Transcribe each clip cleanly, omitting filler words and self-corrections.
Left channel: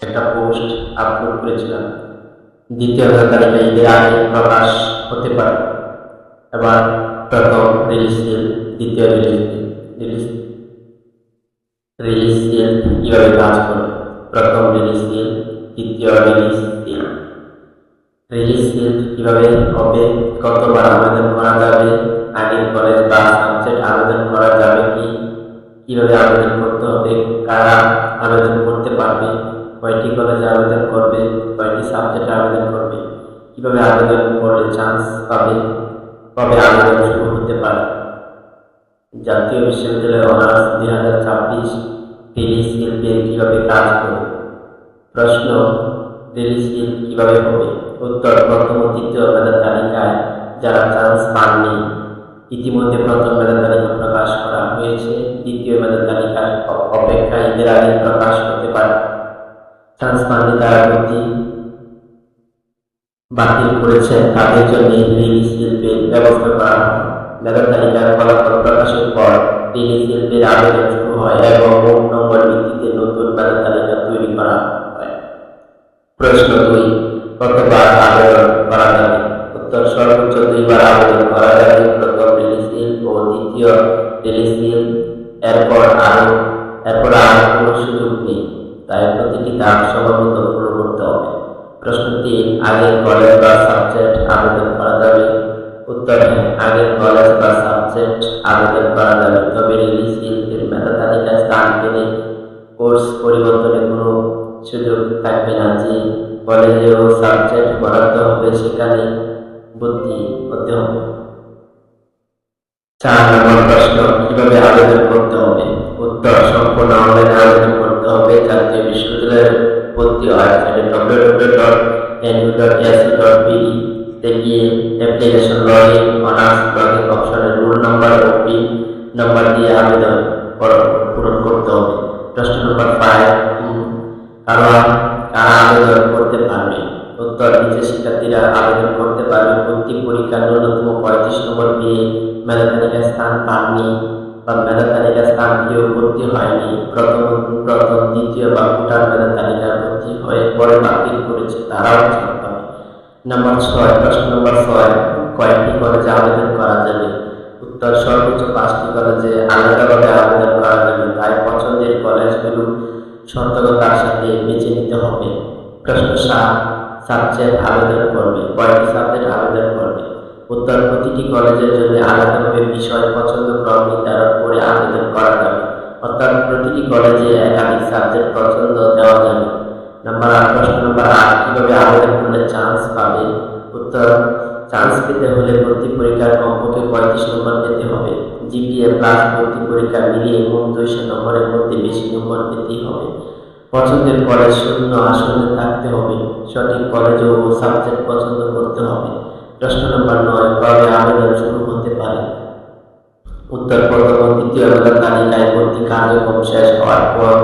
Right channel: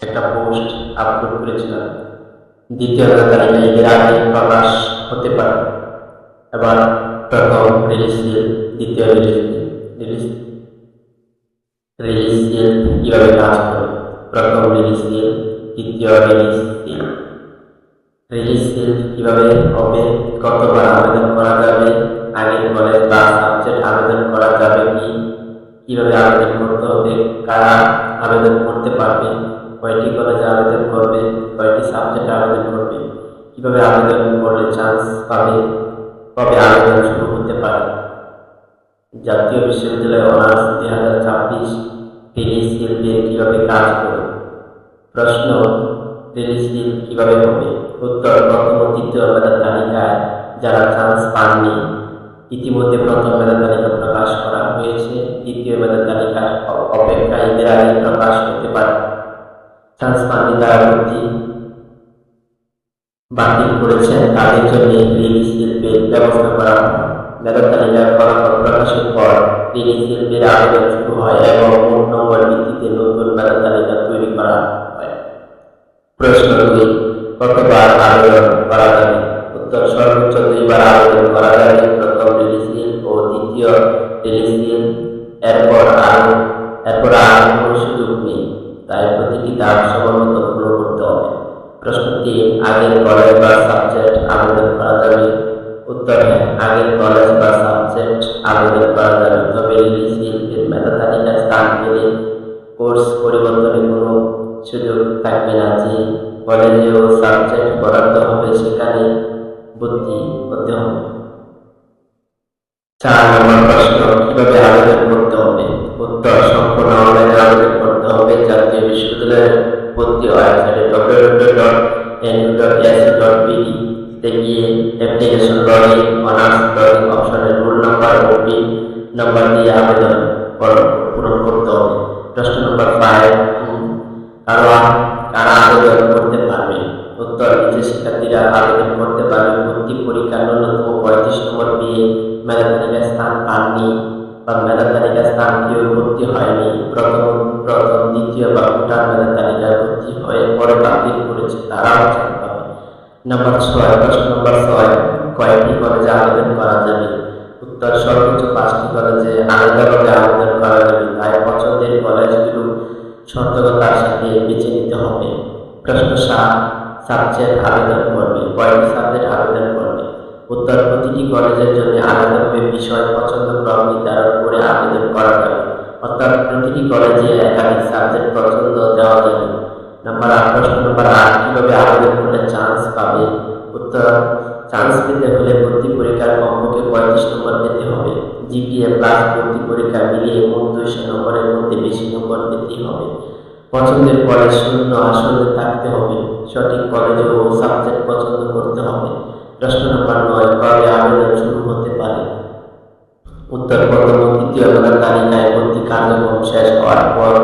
একটা post upload করেছিলাম। দ্বিতীয় মেধা তালিকা ঈদের আগে প্রকাশ হতে পারে। এবার প্রথম রিলিজ সেল, দ্বিতীয় রিলিজ রিলিজ সেল কিভাবে কাজ করে। প্রথম রিলিজ সেল, দ্বিতীয় রিলিজ সেল। রিলিজ সেল কিভাবে হবে, কতবার আবেদন করা যাবে, আগের কলেজ বা সাবজেক্ট আবেদন করা যাবে কিভাবে আবেদন করতে হবে, কারা আবেদন করতে পারবে, কয়টি কলেজে আবেদন করবে, কয়টি সাবজেক্টে আবেদন করবে, কিভাবে আবেদন করলে চান্স পাবে, কবে আবেদন শুরু হতে পারে। জাতীয় বিশ্ববিদ্যালয় অনার্স 2026 রিলিজ সেল কিভাবে কাজ করে। প্রশ্ন, রিলিজ সেল কিভাবে হবে। উত্তর, প্রথম ও দ্বিতীয় মেধা তালিকায় যারা চান্স পাননি, ইতিমধ্যে প্রথম মেধা তালিকা প্রকাশ করা হয়েছে। দ্বিতীয় মেধা তালিকার অপেক্ষায় ঈদের আগে প্রকাশ হতে পারে। চান্স পাননি তারা ভর্তি বাতিল করেছেন, তাদের জন্য রিলিজ শিল্পের ব্যবস্থা করা হয়। মেধা তালিকার ফলাফল প্রকাশের পর রিলিজ শিল্পের আবেদন শুরু হয় এবং মোট নম্বর ভিত্তিতে নতুন মেধা তালিকা তৈরি করা হয়। প্রশ্ন 2, কতবার আবেদন করা যাবে। উত্তর, সর্বোচ্চ 2 বার আবেদন করা যাবে। প্রথম রিলিজ সেল ও দ্বিতীয় রিলিজ সেল। এরপর আর কোনো সুযোগ নেই, তাই প্রতিটি ধাপ সময়মতো ফলো করতে হবে। প্রশ্ন 3, আগের কলেজ বা সাবজেক্ট আবেদন করা যাবে। উত্তর, হ্যাঁ, আগের কলেজ বা সাবজেক্ট আবেদন করা যাবে, তবে রিলিজ সেলের মেধা তালিকায় স্থান পেলে কোর্স পরিবর্তনের কোনো সুযোগ থাকবে না। যে কলেজে ও সাবজেক্ট বরাদ্দ হবে সেখানে ভর্তি হতে হবে। 4 নম্বর প্রশ্ন, কিভাবে আবেদন করতে হবে। উত্তর, সম্পূর্ণ অনলাইনে আবেদন করতে হবে। জাতীয় বিশ্ববিদ্যালয়ের ভর্তি ওয়েবসাইটে www.nu.ac.bd তে গিয়ে অ্যাপ্লিকেশন লগইন, অনার্স লগইন অপশনে রোল নাম্বার ও পিন নাম্বার দিয়ে আবেদন পূরণ করতে হবে। প্রশ্ন নম্বর 5, কারা আবেদন করতে পারবে। উত্তর, নিচে শিক্ষার্থীরা আবেদন করতে পারবে। ভর্তি পরীক্ষার ন্যূনতম 35 নম্বর পেয়ে মেধা তালিকায় স্থান পাননি বা মেধা তালিকায় স্থান পেয়েও ভর্তি হয়নি, প্রথম দ্বিতীয় বা কোটার মেধা তালিকায় ভর্তি হয়ে পরে বাতিল করেছে, তারাও চান্স পাবে। প্রশ্ন নম্বর 6, কয়টি কলেজে আবেদন করা যাবে। উত্তর, সর্বোচ্চ 5টি কলেজে আলাদাভাবে আবেদন করা যাবে, তাই পছন্দের কলেজগুলো সতর্কতার সাথে বেছে নিতে হবে। প্রশ্ন 7, সাবজেক্ট আবেদন করবে। কয়টি সাবজেক্ট আবেদন করবে। উত্তর, প্রতিটি কলেজের জন্য আলাদাভাবে বিষয় পছন্দ ক্রম নির্ধারণ করে আবেদন করা যাবে, অর্থাৎ প্রতিটি কলেজে একাধিক সাবজেক্ট পছন্দ দেওয়া যাবে। প্রশ্ন নম্বর 8, কিভাবে আবেদন করলে চান্স পাবে। উত্তর, চান্স পেতে হলে ভর্তি পরীক্ষার কমপক্ষে 35 নম্বর পেতে হবে। জিপিএ প্লাস ভর্তি পরীক্ষা মিলিয়ে মোট 200 নম্বরের মধ্যে বেশি নম্বর পেতেই হবে। পছন্দের কলেজ শূন্য আসনে থাকতে হবে। সঠিক কলেজ ও সাবজেক্ট পছন্দ করতে হবে। প্রশ্ন নম্বর 9, কবে আবেদন শুরু হতে পারে। উত্তর, প্রথম ও দ্বিতীয় মেধা তালিকায় ভর্তি কার্যক্রম শেষ হওয়ার পর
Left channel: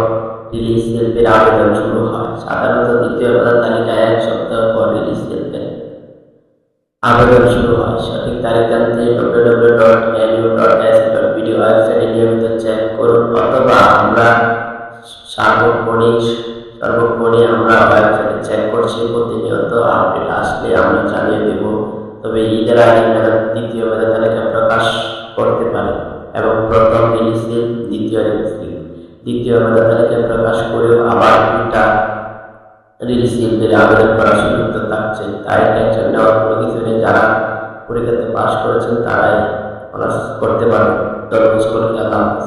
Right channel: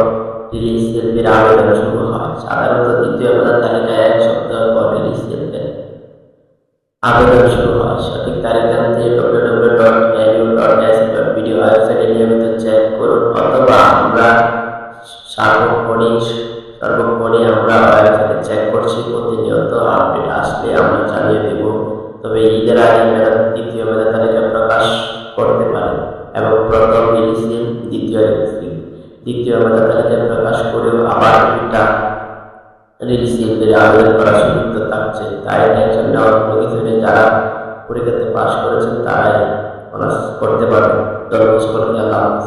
রিলিজ সেলের আবেদন শুরু হয়। সাধারণত দ্বিতীয় মেধা তালিকায় 1 সপ্তাহ পর রিলিজ সেলের আবেদন শুরু হয়। সঠিক তারিখ জানতে www.nu.ac.bd ওয়েবসাইটে নিয়মিত চেক করুন, অথবা আমরা সর্বক্ষণে আমরা ওয়েবসাইটে চেক করছি। প্রতিনিয়ত আপডেট আসলে আমরা জানিয়ে দেব। তবে ঈদের আগে দ্বিতীয় মেধা তালিকা প্রকাশ করতে পারে এবং প্রথম রিলিজ সেল, দ্বিতীয় মেধা তালিকা প্রকাশ করেও আবার 2টা রিলিজ সেলের আবেদন করার সুযোগ তো থাকছে, তাই টেনশন নেওয়ার কোনো কিছু নেই। যারা পরীক্ষাতে পাশ করেছেন তারাই অনার্স করতে পারবে। ধন্যবাদ সকলকে, আল্লাহ হাফেজ।